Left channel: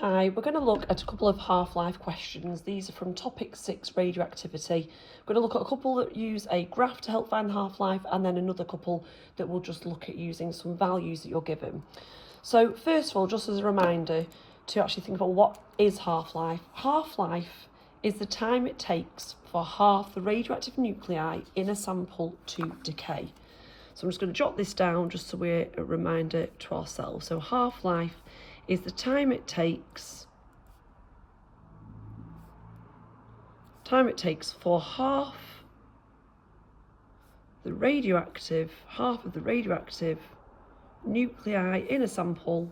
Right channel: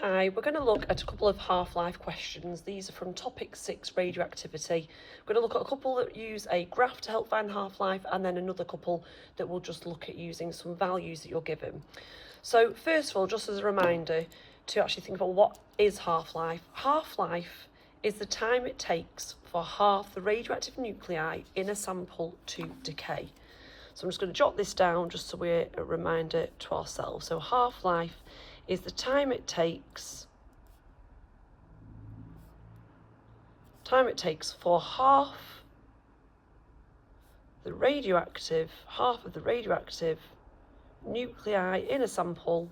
Hi, we're going to look at a couple of half-life questions. These are from topic 6, radioactivity. We're going to look at a couple that use a graph to help find the half-life, and then another couple that will just look at using some values that you're given. So first of all, just as a reminder to actually think about what is half-life. Half-life is the time it takes for half the radioactive nuclei in a sample to decay. So I'm just going to jot this down just so we're a reminder to ourselves. So half-life is the time it takes for half of the radioactive nuclei in a sample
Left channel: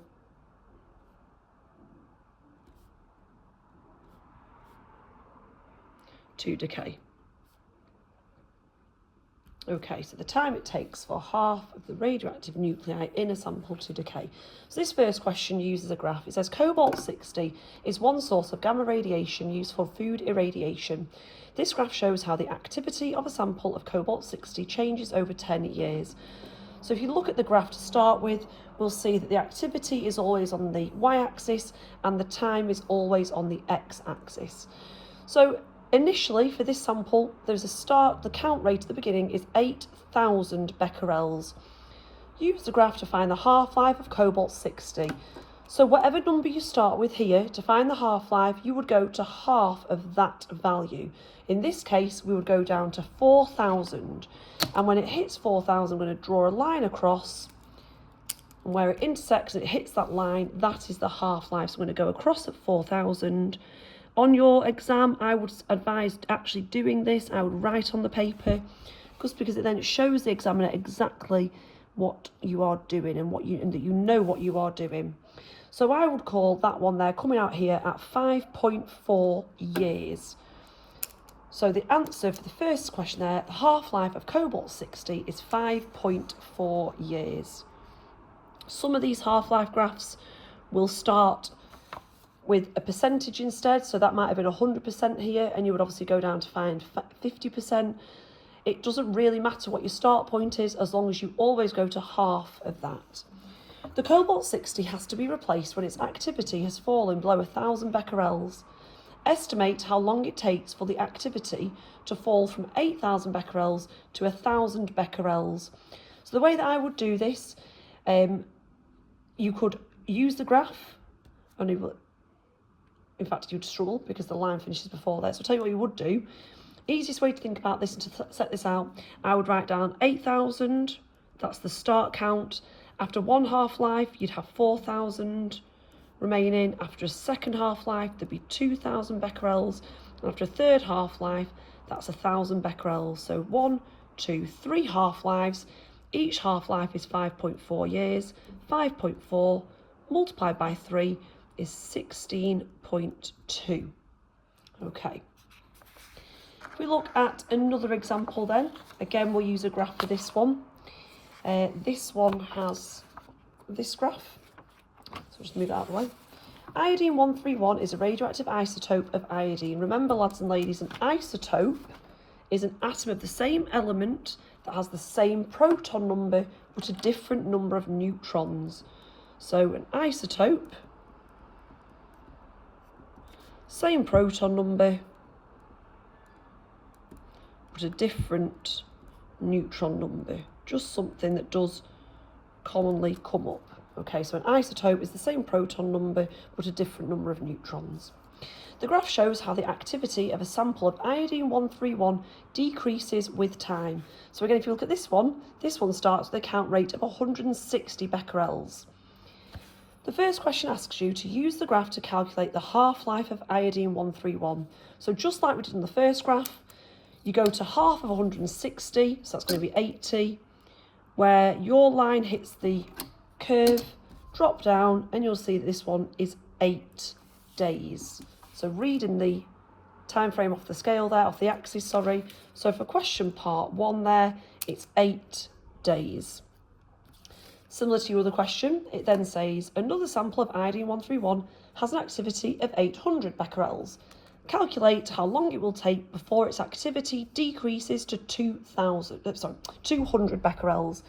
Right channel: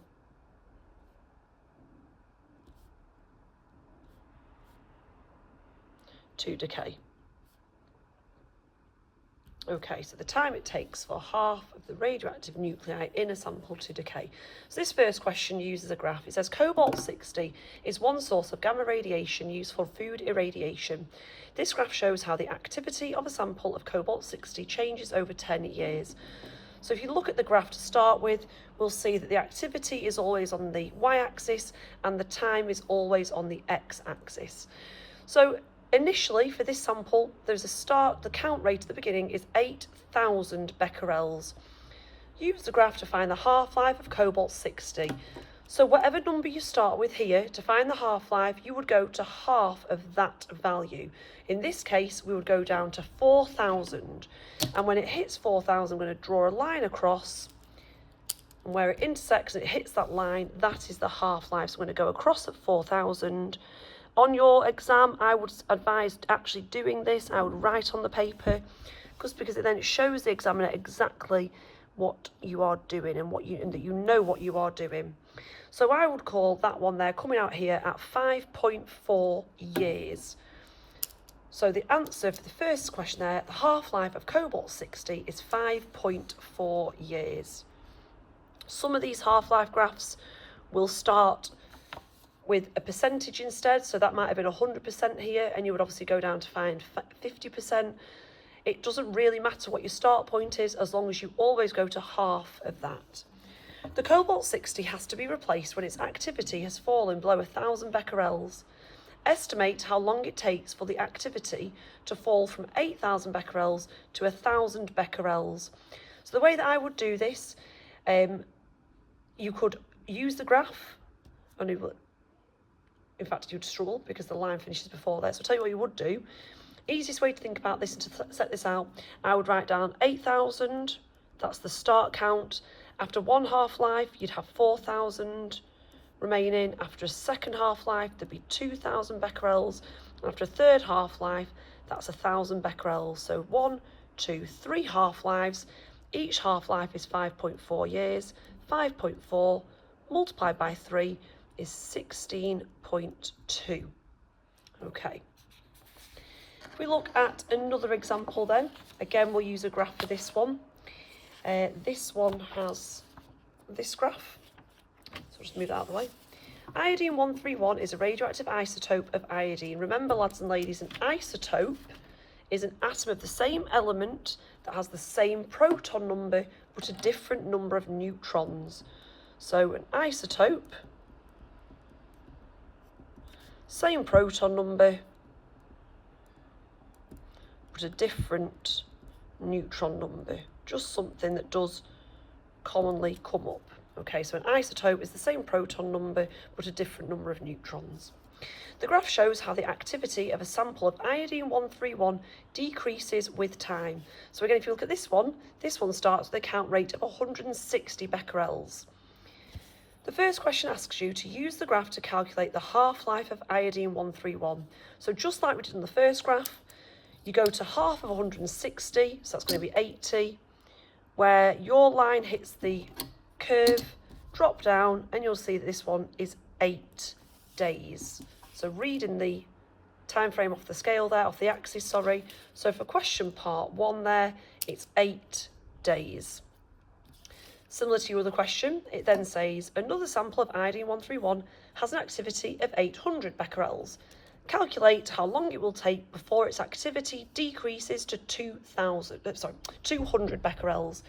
to decay. Okay, so the time it takes for half of the radioactive nuclei in a sample to decay. So this first question uses a graph. It says cobalt-60 is one source of gamma radiation used for food irradiation. This graph shows how the activity of a sample of cobalt-60 changes over 10 years. So if you look at the graph to start with, we'll see that the activity is always on the y-axis and the time is always on the x-axis. So initially, for this sample, there's a start, the count rate at the beginning is 8,000 becquerels. Use the graph to find the half-life of cobalt-60. So whatever number you start with here, to find the half-life, you would go to half of that value. In this case, we would go down to 4,000. And when it hits 4,000, I'm going to draw a line across. And where it intersects and it hits that line, that is the half-life. So I'm going to go across at 4,000. On your exam, I would advise actually doing this. I would write on the paper, just because then it shows the examiner exactly what you are doing and that you know what you are doing. So I would call that one there coming out here at 5.4 years. So the answer for the first question there, the half-life of cobalt-60 is 5.4 years. Some of these half-life graphs will start with a percentage instead, so that might have been 100% here, and you would obviously go down to find 50%. It doesn't really matter what your start point is, as long as you always go to half of that. The cobalt-60 has to be replaced when its activity has fallen below 1,000 becquerels. Estimate how long it takes for the activity to fall from 8,000 becquerels to 1,000 becquerels. So the way that I would do this, you could use the graph, in fact, you'd struggle because the line finishes before there. So I'll tell you what you would do. Easiest way to think about this and to set this out, I would write down 8,000, that's the start count. After one half-life, you'd have 4,000 remaining. After a second half-life, there'd be 2,000 becquerels. And after a third half-life, that's 1,000 becquerels. So 1, 2, 3 half-lives. Each half-life is 5.4 years. 5.4 multiplied by 3 is 16.2. Okay. If we look at another example then, again we'll use a graph for this one. This one has this graph, so I'll just move that out of the way. Iodine-131 is a radioactive isotope of iodine. Remember, lads and ladies, an isotope is an atom of the same element that has the same proton number but a different number of neutrons. So an isotope, same proton number, but a different neutron number. Just something that does commonly come up. Okay, so an isotope is the same proton number, but a different number of neutrons. The graph shows how the activity of a sample of iodine-131 decreases with time. So again, if you look at this one starts with a count rate of 160 becquerels. The first question asks you to use the graph to calculate the half-life of iodine-131. So just like we did in the first graph, you go to half of 160, so that's going to be 80, where your line hits the curve, drop down, and you'll see that this one is 8 days. So reading the time frame off the scale there, off the axis, sorry. So for question part 1 there, it's 8 days. Similar to your other question, it then says, another sample of iodine-131 has an activity of 800 becquerels. Calculate how long it will take before its activity decreases to 200 becquerels.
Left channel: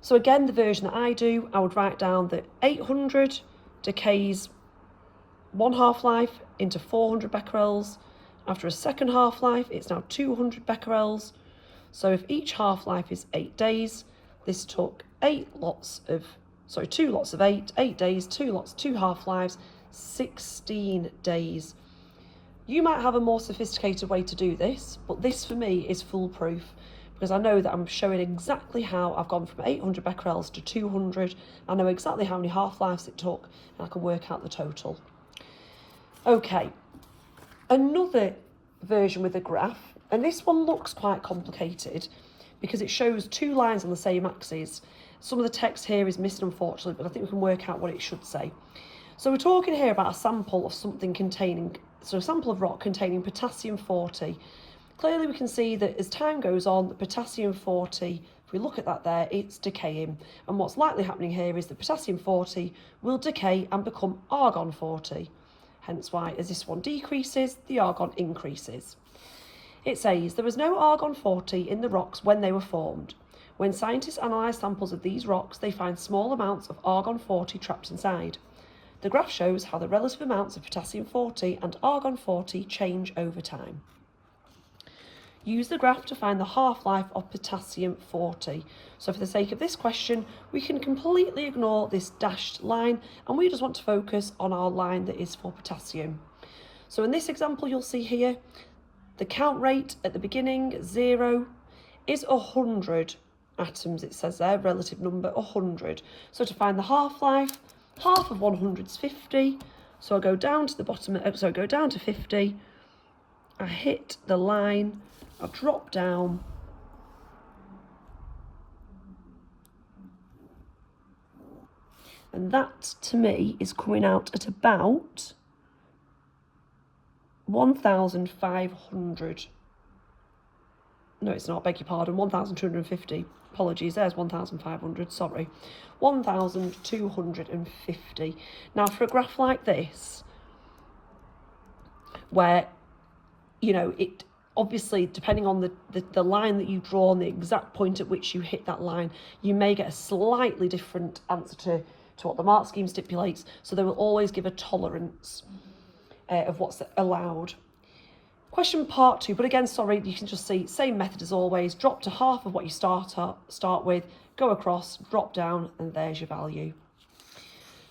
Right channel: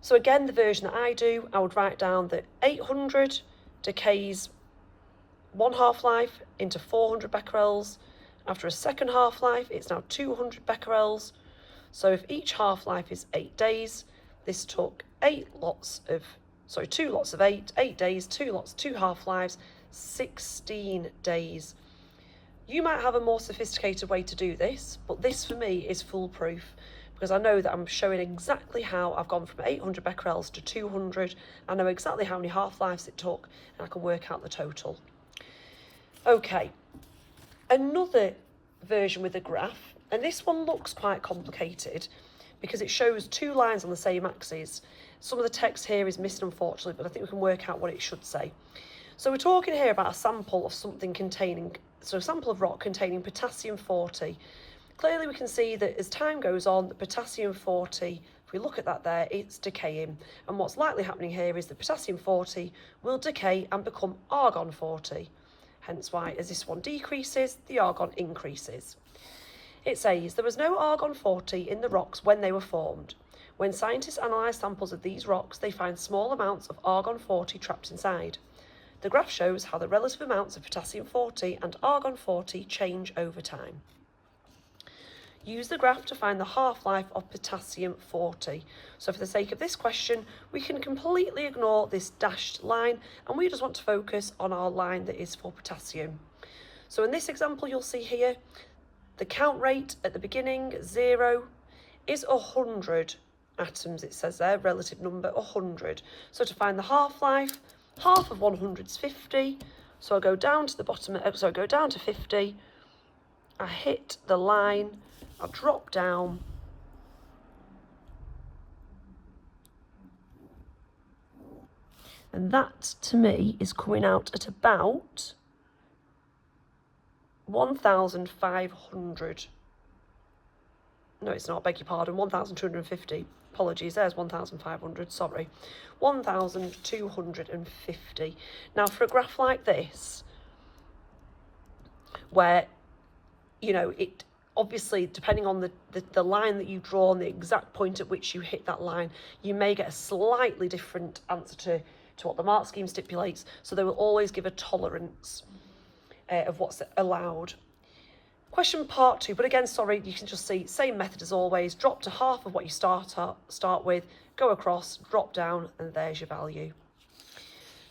So again, the version that I do, I would write down that 800 decays one half-life into 400 becquerels. After a second half-life, it's now 200 becquerels. So if each half-life is 8 days, this took 2 lots of 8 days, 2 lots, 2 half-lives, 16 days. You might have a more sophisticated way to do this, but this for me is foolproof because I know that I'm showing exactly how I've gone from 800 becquerels to 200. I know exactly how many half-lives it took, and I can work out the total. Okay, another version with a graph, and this one looks quite complicated because it shows 2 lines on the same axis. Some of the text here is missing, unfortunately, but I think we can work out what it should say. So we're talking here about a sample of something containing, so a sample of rock containing potassium 40. Clearly we can see that as time goes on, the potassium 40, if we look at that there, it's decaying. And what's likely happening here is the potassium 40 will decay and become argon 40. Hence why, as this one decreases, the argon increases. It says there was no argon 40 in the rocks when they were formed. When scientists analyse samples of these rocks, they find small amounts of argon 40 trapped inside. The graph shows how the relative amounts of potassium 40 and argon 40 change over time. Use the graph to find the half-life of potassium 40. So for the sake of this question, we can completely ignore this dashed line and we just want to focus on our line that is for potassium. So in this example, you'll see here, the count rate at the beginning, 0, is 100 atoms. It says there, relative number, 100. So to find the half-life, half of 100 is 50. So I go down to the bottom, so I go down to 50. I hit the line, I drop down. And that, to me, is coming out at about 1,500. No, it's not, beg your pardon, 1,250. Apologies, there's 1,500, sorry. 1,250. Now, for a graph like this, where, you know, it obviously, depending on the line that you draw and the exact point at which you hit that line, you may get a slightly different answer to what the mark scheme stipulates. So they will always give a tolerance of what's allowed. Question part 2, but again, sorry, you can just see, same method as always, drop to half of what you start with, go across, drop down, and there's your value.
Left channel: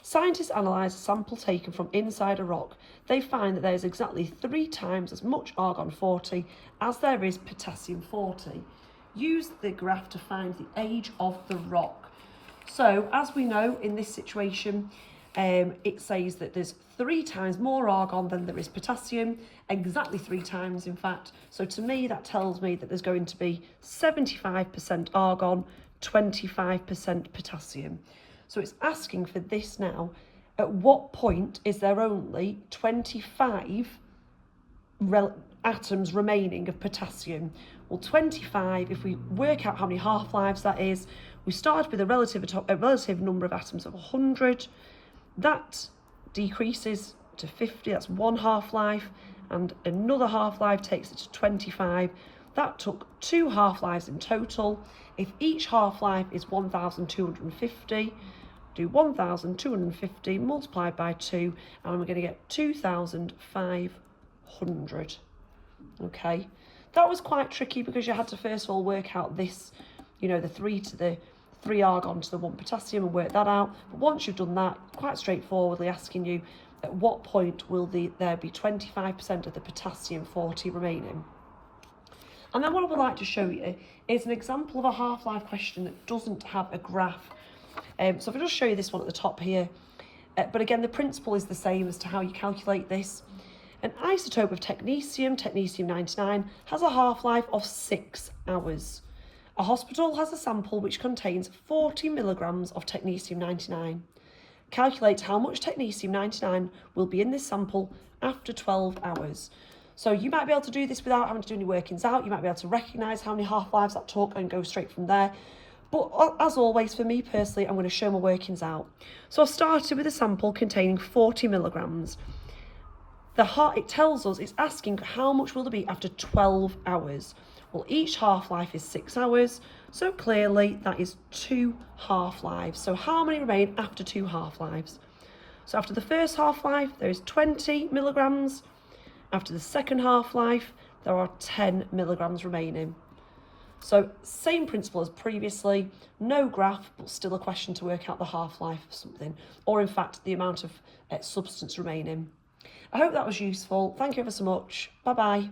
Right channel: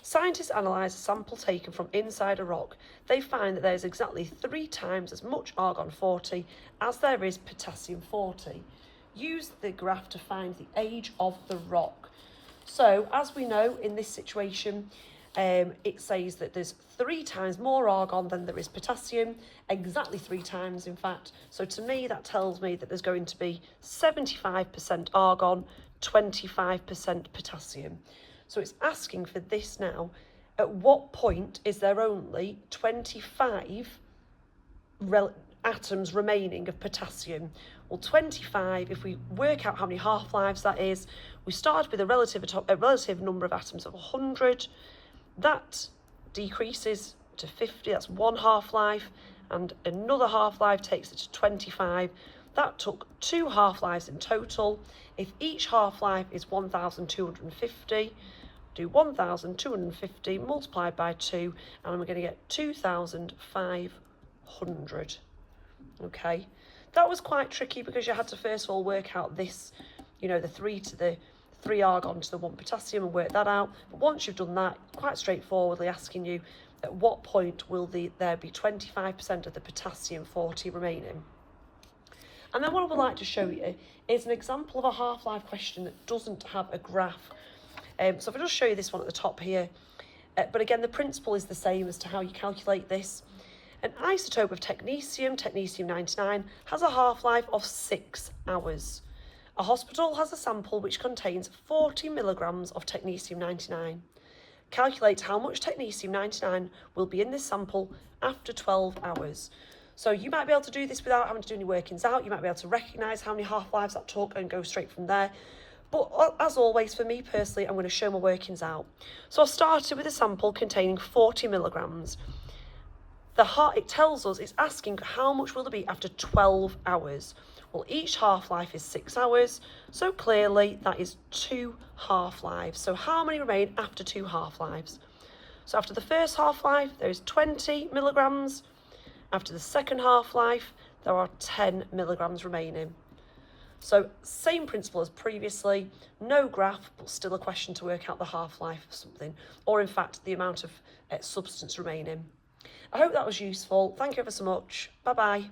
Scientists analyse a sample taken from inside a rock. They find that there is exactly 3 times as much argon 40 as there is potassium 40. Use the graph to find the age of the rock. So, as we know, in this situation, it says that there's 3 times more argon than there is potassium, exactly 3 times in fact. So to me that tells me that there's going to be 75% argon, 25% potassium. So it's asking for this now, at what point is there only 25 atoms remaining of potassium? Well, 25, if we work out how many half-lives that is, we started with a relative number of atoms of 100, that decreases to 50, that's 1 half-life, and another half-life takes it to 25. That took 2 half-lives in total. If each half-life is 1,250, do 1,250 multiplied by 2, and we're going to get 2,500. Okay, that was quite tricky because you had to first of all work out this, you know, the 3 argon to the 1 potassium and work that out. But once you've done that, quite straightforwardly asking you at what point will there be 25% of the potassium 40 remaining. And then what I would like to show you is an example of a half-life question that doesn't have a graph. So if I just show you this one at the top here, but again the principle is the same as to how you calculate this. An isotope of technetium, technetium-99, has a half-life of 6 hours. A hospital has a sample which contains 40 milligrams of technetium-99. Calculate how much technetium-99 will be in this sample after 12 hours. So you might be able to do this without having to do any workings out. You might be able to recognise how many half-lives that took and go straight from there. But as always, for me personally, I'm going to show my workings out. So I've started with a sample containing 40 milligrams. It tells us, it's asking how much will there be after 12 hours. Well, each half-life is 6 hours, so clearly that is 2 half-lives. So how many remain after 2 half-lives? So after the first half-life, there is 20 milligrams. After the second half-life, there are 10 milligrams remaining. So same principle as previously, no graph, but still a question to work out the half-life of something, or in fact, the amount of substance remaining. I hope that was useful. Thank you ever so much. Bye-bye.